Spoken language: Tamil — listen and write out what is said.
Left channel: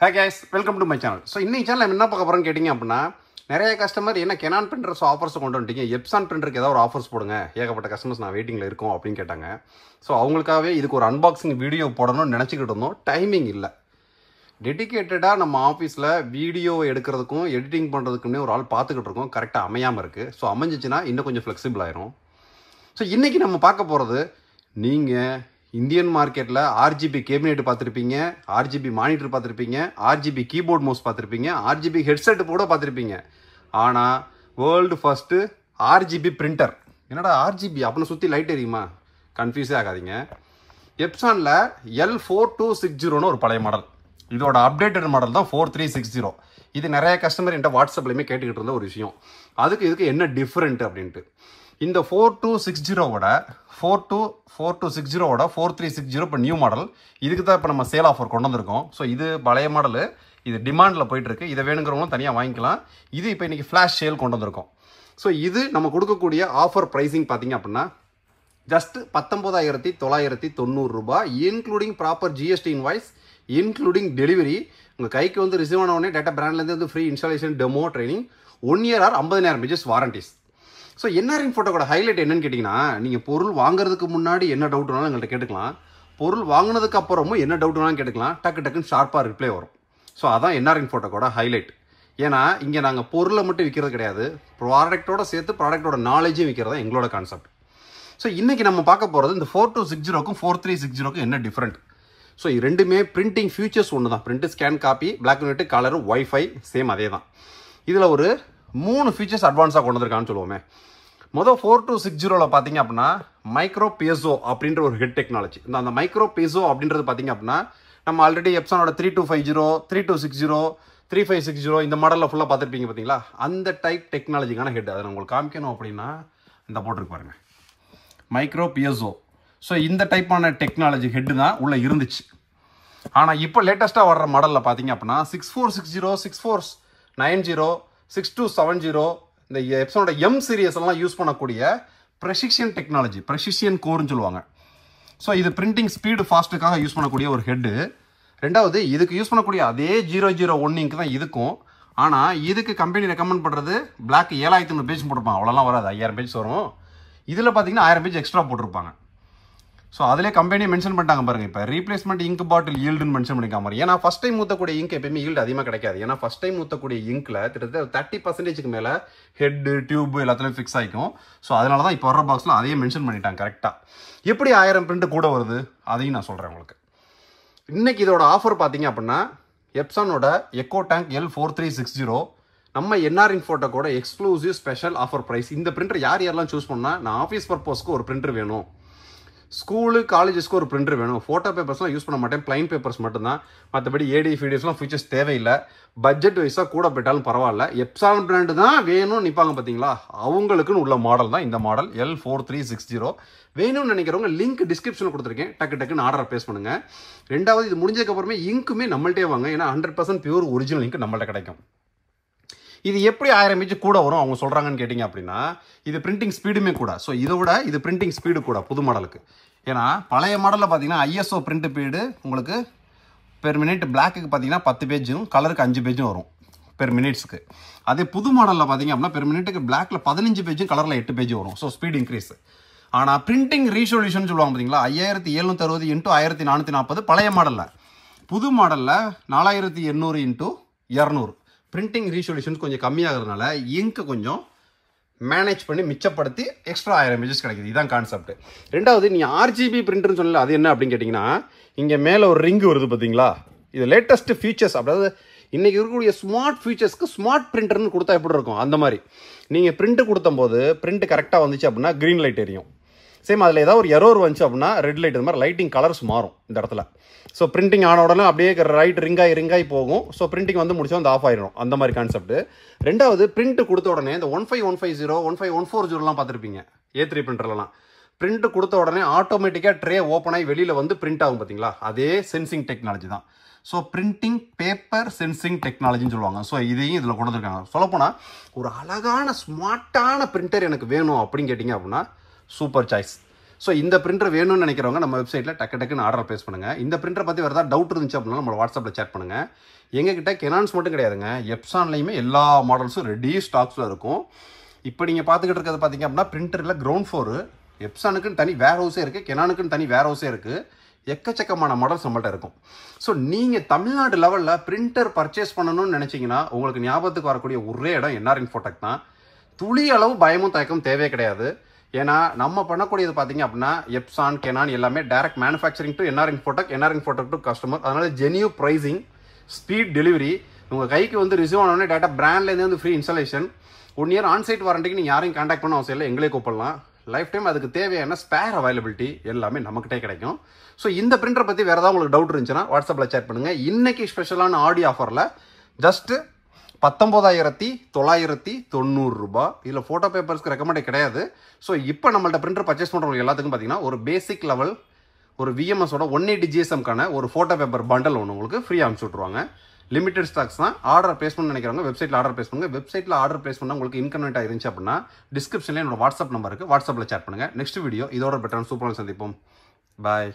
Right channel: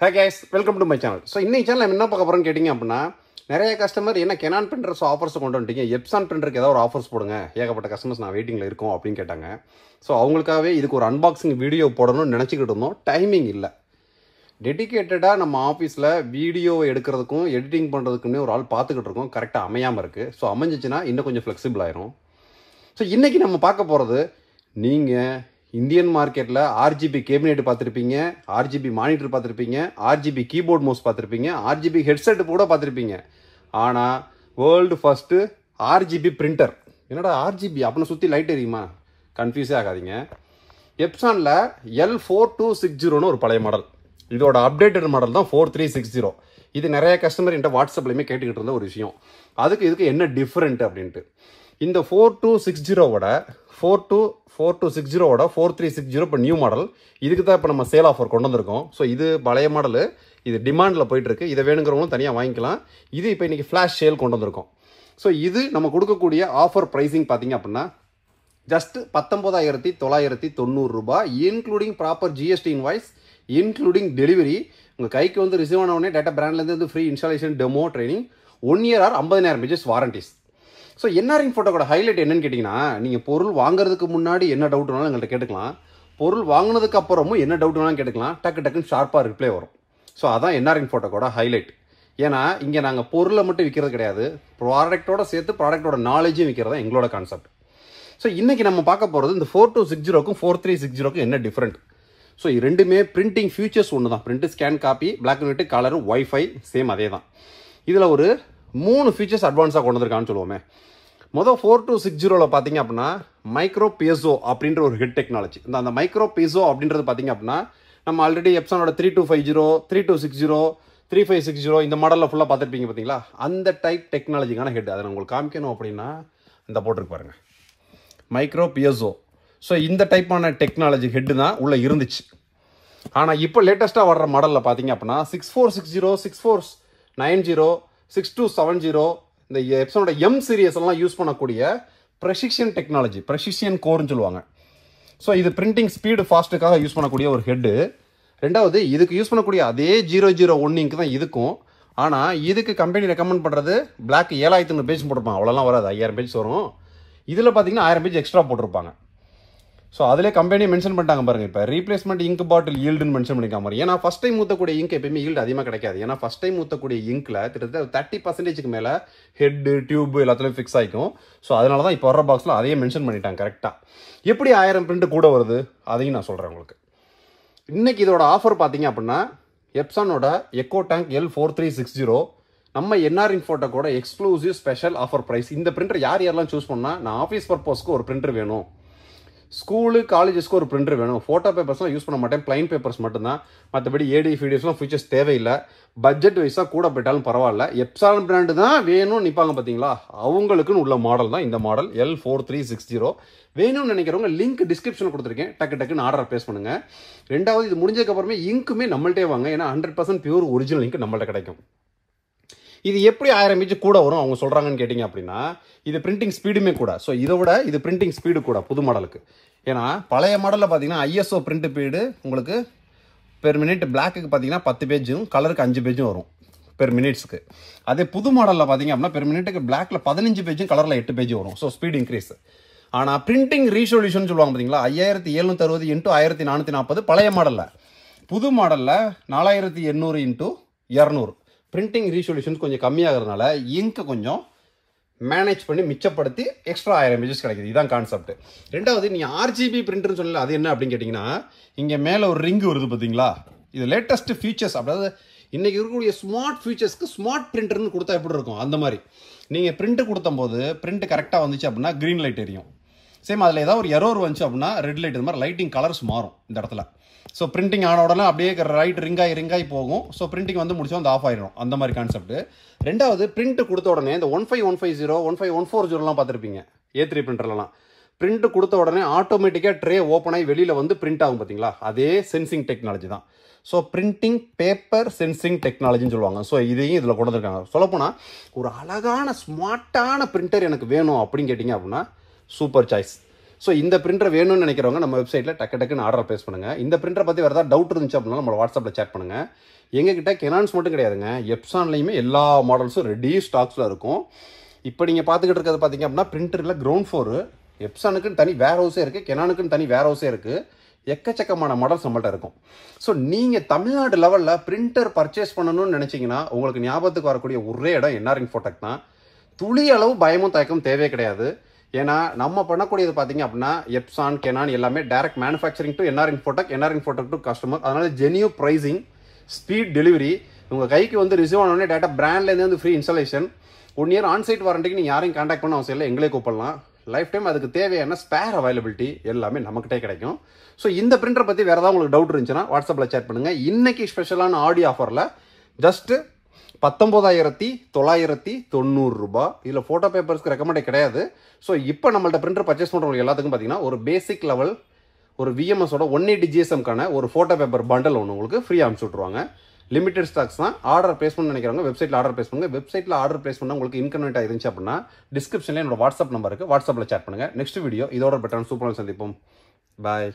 Hi guys, welcome to my channel. So in this channel, I am going to tell you நிறைய கஸ்டமர் என்ன Canon printers ஆஃபர்ஸ் கொண்டு வந்துட்டீங்க Epson printerக்கு ஏதாவது ஒரு ஆஃபர்ஸ் போடுங்க ஏகப்பட்ட கஸ்டமர்ஸ் நான் வெயிட்டிங்ல இருக்கோம் அப்படினு கேட்டாங்க சோ அவங்களுக்காகவே இதுக்கு ஒரு அன்பாக்சிங் வீடியோ போடணும்னு நினைச்சிட்டு இருந்தோம் டைமிங் இல்ல டெடிகேட்டடா நம்ம ஆபீஸ்ல வீடியோ எடுக்கிறதுக்கும் எடிட்டிங் பண்றதுக்குமே ஒரு ஆள் பாத்துக்கிட்டு இருக்கோம் கரெக்ட்டா அமையாம இருக்கு சோ அமைஞ்சிச்சுனா இன்னும் கொஞ்சம் ஃப்ளெக்சிபிள் ஆயிரும் சோ இன்னைக்கு நம்ம பார்க்க போறது நீங்க இந்தியன் மார்க்கெட்ல RGB கேபினெட் பார்த்திருப்பீங்க RGB மானிட்டர் பார்த்திருப்பீங்க RGB கீபோர்ட் மவுஸ் பார்த்திருப்பீங்க RGB ஹெட்செட் கூட பார்த்திருப்பீங்க ஆனா வேர்ல்ட் ஃபர்ஸ்ட் RGB பிரிண்டர் என்னடா RGB அப்பன சுத்தி லைட் எரியுமா கன்ஃபியூஸ் ஆகாதீங்க எப்சான்ல L4260 னு ஒரு பழைய மாடல் இதோட அப்டேட்டட் மாடல் தான் 4360 இது நிறைய கஸ்டமர் என்கிட்ட வாட்ஸ்அப்லயே கேட்டுக்கிட்டு இருந்த ஒரு விஷயம் இதுக்கு என்ன டிஃபரண்ட் அப்படினு இந்த 4260 ஓட 4260 ஓட 4360 இப்ப நியூ மாடல் இதுக்கு தான் இப்ப நம்ம சேல் ஆஃபர் கொண்டு வந்திருக்கோம் சோ இது பழைய மாடல் இது டிமாண்ட்ல போயிட்டு இருக்கு இத வேணும்ங்கறவங்க தனியா வாங்கிக்கலாம் இது இப்ப இன்னைக்கு ஃபிளாஷ் சேல் கொண்டு வந்திருக்கோம் சோ இது நம்ம கொடுக்கக்கூடிய ஆஃபர் பிரைசிங் பாத்தீங்க அப்படினா ஜஸ்ட் 19990 ரூபாய் including proper GST invoice including delivery உங்க கைக்கு வந்து ரிசீவ் ஆன உடனே டாடா பிராண்ட்ல இருந்து free installation demo training 1 year or 50000 pages warranties so NRN போட்டோட ஹைலைட் என்னன்னு கேட்டீங்கன்னா நீங்க பொருள் வாங்குறதுக்கு முன்னாடி என்ன டவுட்னாலும் எங்கள்ட்ட கேட்டுக்கலாம் பொருள் வாங்குனதுக்கு அப்புறமும் என்ன டவுட்னாலும் கேட்டுக்கலாம் டக்குன்னு ஷார்ப்பா ரிப்ளை வரும் சோ அதான் NRN போட்டோட ஹைலைட் ஏன்னா இங்க நாங்க பொருளை மட்டும் விக்கிறது கிடையாது ப்ராடக்ட்டோட சேர்த்து ப்ராடக்ட்டோட நாலேஜையும் விக்கிறது எங்களோட கான்செப்ட் சோ இன்னைக்கு நம்ம பார்க்க போறது இந்த 4260க்கும் 4360க்கும் என்ன டிஃபரண்ட் சோ இது ரெண்டுமே பிரிண்டிங் ஃபியூச்சர்ஸ் ஒண்ணுதான் print scan copy black and white colour WiFi same அதேதான் இதுல ஒரு 3 ஃபீச்சர்ஸ் அட்வான்ஸா கொண்டு வந்திருக்கான்னு சொல்லுவோமே முதல் 4260ல பாத்தீங்க அப்படின்னா மைக்ரோ பீசோ அப்படின்ற ஒரு ஹெட் டெக்னாலஜி அந்த மைக்ரோ பீசோ அப்படின்றது பாத்தீங்க அப்படின்னா நம்ம ஆல்ரெடி எப்சானோட 3250 3260 3560 இந்த மாடல்ல ஃபுல்லா பார்த்திருப்பீங்க பாத்தீங்களா அந்த டைப் டெக்னாலஜிக்கான ஹெட் அதை உங்களுக்கு காமிக்கணும் அப்படின்னா இந்த போட்டுருக்கு பாருங்க மைக்ரோ பீசோ சோ இந்த டைப்பான டெக்னாலஜி ஹெட் தான் உள்ள இருந்துச்சு ஆனா இப்போ லேட்டஸ்டா வர்ற மாடல்ல பாத்தீங்க அப்படின்னா 6460 6490 6270 இந்த எப்சனோட M சீரிஸ் எல்லாம் யூஸ் பண்ணக்கூடிய precision டெக்னாலஜி precision கோர்னு சொல்லுவாங்க சோ இது பிரிண்டிங் ஸ்பீடு ஃபாஸ்ட்டுக்காக யூஸ் பண்ணக்கூடிய ஒரு ஹெட் ரெண்டாவது இதுக்கு யூஸ் பண்ணக்கூடிய அதே 001 இங்க் தான் இதுக்கும் ஆனா இதுக்கு கம்பெனி ரெக்கமெண்ட் பண்றது Black 7500 பேஜ் போட்டுருப்பாங்க அவ்வளவுலாம் வராது 5000 பேஜ் வரும் இதுல பாத்தீங்கன்னா 1000 பேஜ் எக்ஸ்ட்ரா போட்டிருப்பாங்க சோ அதிலே கம்பெனி மென்ஷன் பண்ணிட்டாங்க பாருங்க இப்ப ரீப்ளேஸ்மெண்ட் இங்க் பாட்டில் ஈல்டுன்னு மென்ஷன் பண்ணிருக்காங்க ஏன்னா ஃபர்ஸ்ட் டைம் ஊத்தக்கூடிய இங்க் எப்பவுமே ஈல்டு அதிகமா கிடைக்காது ஏன்னா ஃபர்ஸ்ட் டைம் ஊத்தக்கூடிய இங்க்ல கிட்டத்தட்ட 30% மேல ஹெட் டியூப் எல்லாத்துலயும் ஃபிக்ஸ் ஆயிக்கும் சோ அதனால தான் இப்போ வர்ற பாக்ஸ்ல அதையே மென்ஷன் பண்ணிட்டாங்க கரெக்டா எப்படி 1000 பிரிண்ட் கூட வருது அதையும் நான் சொல்றேன் உங்களுக்கு இன்னைக்கு இதோட ஆஃபர் பாத்தீங்க அப்படின்னா எப்சானோட எக்கோ டேங்க் L4360 நம்ம NRN போட்டோ கூட எக்ஸ்க்ளூசிவ் ஸ்பெஷல் ஆஃபர் பிரைஸ் இந்த பிரிண்டர் யாரெல்லாம் சூஸ் பண்ணா நான் ஆஃபீஸ் பர்பஸ்க்கு ஒரு பிரிண்டர் வேணும் ஸ்கூலு காலேஜஸ்க்கு ஒரு பிரிண்டர் வேணும் போட்டோ பேப்பர்ஸ்லாம் யூஸ் பண்ண மாட்டேன் பிளைன் பேப்பர்ஸ் மட்டும்தான் மற்றபடி AD ஃபீடியோஸ்லாம் ஃபீச்சர்ஸ் தேவையில்லை பட்ஜெட் வைஸா கூட போயிட்டாலும் பரவாயில்ல எப்சான் பிராண்ட் தான் வேணும்னு நிப்பாங்க பாத்தீங்களா அவங்களுக்குன்னு உள்ள மாடல் தான் இந்த மாடல் L4360 வேணும்னு நினைக்கிறவங்க லிங்க் டிஸ்கிரிப்ஷன் கொடுத்துருக்கேன் டக்குன்னு ஆர்டர் பிளேஸ் பண்ணுங்க ரெண்டாவது இது முடிஞ்சதுக்கு அப்புறமே இங்க்குமே நம்மள்ட்டே வாங்க ஏன்னா 100% பியூர் ஒரிஜினல் இங்க் நம்மள்ட்ட கிடைக்கும் இது எப்படி 1000 பேஜ் கூட வரும் அவங்க சொல்றாங்கன்னு கேட்டீங்க அப்படின்னா இது பிரிண்டிங் ஸ்பீடுமே கூட சோ இதோட இது பிரிண்டிங் ஸ்பீடு கூட புது மாடலுக்கு ஏன்னா பழைய மாடல்ல பாத்தீங்கன்னா ISO பிரிண்ட் ஸ்பீடு உங்களுக்கு பெர் மினிட் பிளாக்கு பாத்தீங்கன்னா 10 பேஜும் கலருக்கு 5 பேஜும் வரும் பெர் மினிட்ஸ்க்கு அதே புது மாடல்ல பாத்தீங்க அப்படின்னா பெர் மினிட்டுக்கு பிளாக்ல 15 பேஜும் கலர்ல 8 பேஜ் வரும் சோ ஸ்பீட் இன்க்ரீஸ் ஆனா பிரிண்டிங் ரீசொல்யூஷன் சொல்லுவாங்க பாத்தீங்களா 5760 × 1440 பழைய மாடல்ல புது மாடல்ல 4800 × 200 பிரிண்டிங் ரீசொல்யூஷன் கொஞ்சம் கம்மியாகிறதுனால இங்க் கொஞ்சம் மேனேஜ் பண்ணி மிச்சப்படுத்தி எக்ஸ்ட்ரா 1000 பேஜஸ் கிடைக்குது இதான் கான்செப்ட் ரெண்டாவது நீ RGB பிரிண்டர்னு சொல்லல அது என்ன அப்படின்னு கேட்டீங்கன்னா இங்க மேல ஒரு ரிங் வருது பாத்தீங்களா இது லேட்டஸ்ட் ஃபீச்சர்ஸ் அதாவது இன்னைக்கு இருக்கக்கூடிய ஸ்மார்ட் ஃபீச்சர்ஸ்க்கு ஸ்மார்ட் பிரிண்டர்னு கொடுத்தா எப்படி இருக்கும் அந்த மாதிரி நீங்க பிரிண்ட் கொடுத்தும் போது பிரிண்ட் கரெக்டா வந்துச்சு அப்படின்னா கிரீன் லைட் எரியும் சேம் அதுல ஏதாவது ஒரு எரர் வந்துச்சு அப்படின்னா ரெட் லைட் இந்த மாதிரி லைட்டிங் கலர்ஸ் மாறும் இந்த இடத்துல ஸோ பிரிண்டிங் ஆன உடனே அப்படியே ரைட் ரிங்காய் போகும் ஸோ பிரிண்டிங் வந்து முடிச்சா வந்து ஆஃப் ஆயிடும் அந்த மாதிரி கான்செப்ட் ரெண்டாவது பிரிண்ட் கொடுத்த உடனே இந்த 15150 15140 பார்த்துருப்பீங்க A3 பிரிண்டர்லாம் பிரிண்ட் கொடுத்த உடனே ஆட்டோமேட்டிக்கா ட்ரே ஓப்பன் ஆகி வெளியில வந்து பிரிண்ட் ஆகும் பாத்தீங்களா அதே சென்சிங் டெக்னாலஜி தான் ஸோ பிரிண்டிங் பேப்பர் சென்சிங் டெக்னாலஜின்னு சொல்லுவாங்க ஸோ இதையும் இதில் கொண்டு வந்திருக்காங்க சொல்லப்போனால் ஒரு அழகான ஸ்மார்ட்டான பிரிண்டர் எனக்கு வேணும் அப்படின்னு கேட்டிங்க அப்படின்னா சூப்பர் சாய்ஸ் ஸோ இந்த பிரிண்டர் வேணும்னு நினைக்கிறவங்க நம்ம வெப்சைட்டில் டக்குன்னு ஆர்டர் பிளேஸ் பண்ணுங்கள். இந்த பிரிண்டரை பற்றி வேறு ஏதாவது டவுட் இருந்துச்சு அப்படின்னா நம்மளோட வாட்ஸ்அப்பில் சேட் பண்ணுங்கள். எங்ககிட்ட கெனான்ஸ் மட்டும் கிடையாதுங்க, எப்சான்லையுமே எல்லா மாடல்ஸும் ரெடி ஸ்டாக்ஸில் இருக்கும். இப்போ நீங்கள் பார்த்துக்கிட்டு இருக்கிறது பார்த்தீங்க அப்படின்னா பிரிண்டரில் கிரவுண்ட் ஃப்ளோரு, எப்சானுக்குன்னு தனி வேர் ஹவுஸே இருக்குது, கெனானுக்குன்னு தனி வேர் ஹவுஸே இருக்குது. எக்கச்சக்கமான மாடல்ஸ் நம்மள்ட்ட இருக்கும். ஸோ நீங்கள் தமிழ்நாடு லெவலில் பிரிண்டர் பர்ச்சேஸ் பண்ணணும்னு நினச்சிங்கன்னா உங்களுக்கு ஞாபகத்துக்கு வரக்கூடிய ஒரே இடம் என்ஆர் இன்ஃபோடெக் தான். துளி அளவு பயமும் தயக்கம் தேவையே கிடையாது. ஏன்னா நம்ம பண்ணக்கூடியது பார்த்தீங்க அப்படின்னா எப்சான், கெனான் எல்லாமே direct manufacturing to NR Infotech to customer. அதனால ஜெனியூ பிரைசிங், ஸ்பீட் டெலிவரி, உங்கள் கைக்கு வந்து ரிசீவ் ஆனோடனே டேட்டா பிராண்ட்லேருந்து வந்து ஃப்ரீ இன்ஸ்டாலேஷன், 1 இயர் ஆன்சைட் வாரண்டிக்கு நீங்கள் யாரையும் கான்டாக்ட் பண்ண அவசியம் இல்லை, எங்களே கூப்பிடலாம். லைஃப் டைம் அதுக்கு தேவையான ஸ்பேர் அவைலபிலிட்டி எல்லாமே நம்மகிட்டே கிடைக்கும். ஸோ இந்த பிரிண்டர் பற்றி வேறு ஏதாவது உங்களுக்கு டவுட் இருந்துச்சுன்னா வாட்ஸ்அப்பில் சேட் பண்ணுங்கள். இன்னைக்கு ஸ்பெஷலான ஆடியோ ஆஃபரில் ஜஸ்ட் 19,990 ரூபாய். இதில் ஃபோட்டோ பேப்பர்ஸ்க்கு ரெக்கமெண்டே கிடையாது. ஸோ இப்போ நம்மள்ட்ட பிரிண்டர் பர்ச்சேஸ் பண்ணுறவங்க எல்லாத்துக்கும் பார்த்தீங்கன்னா ஒரு பேசிக் லெவல் ஒரு விஎம்எஸோட 180 GSMக்கான ஒரு ஃபோட்டோ பேப்பர் பண்டல் ஒன்று உங்களுக்கு ஃப்ரீயாக அனுப்பிச்சு விட்ருவாங்க. லிமிடெட் ஸ்டாக்ஸ் தான். ஆர்டர் பிளேஸ் பண்ணணும்னு நினைக்கிறவங்க வெப்சைட்டில் ஆர்டர் பிளேஸ் பண்ணுங்க. வெப்சைட்டில் ஆர்டர் பிளேஸ் பண்ணால் உங்களுக்கு இன்கன்வீனியன்ட்டாக இருந்துச்சு அப்படின்னா டிஸ்கிரிப்ஷனில் என்னோட வாட்ஸ்அப் நம்பர் இருக்குது, வாட்ஸ்அப்பில் சேட் பண்ணுங்கள். நெக்ஸ்ட் வீடியோ இதோட பெட்டரான சூப்பரான சந்திப்போம். பாய்.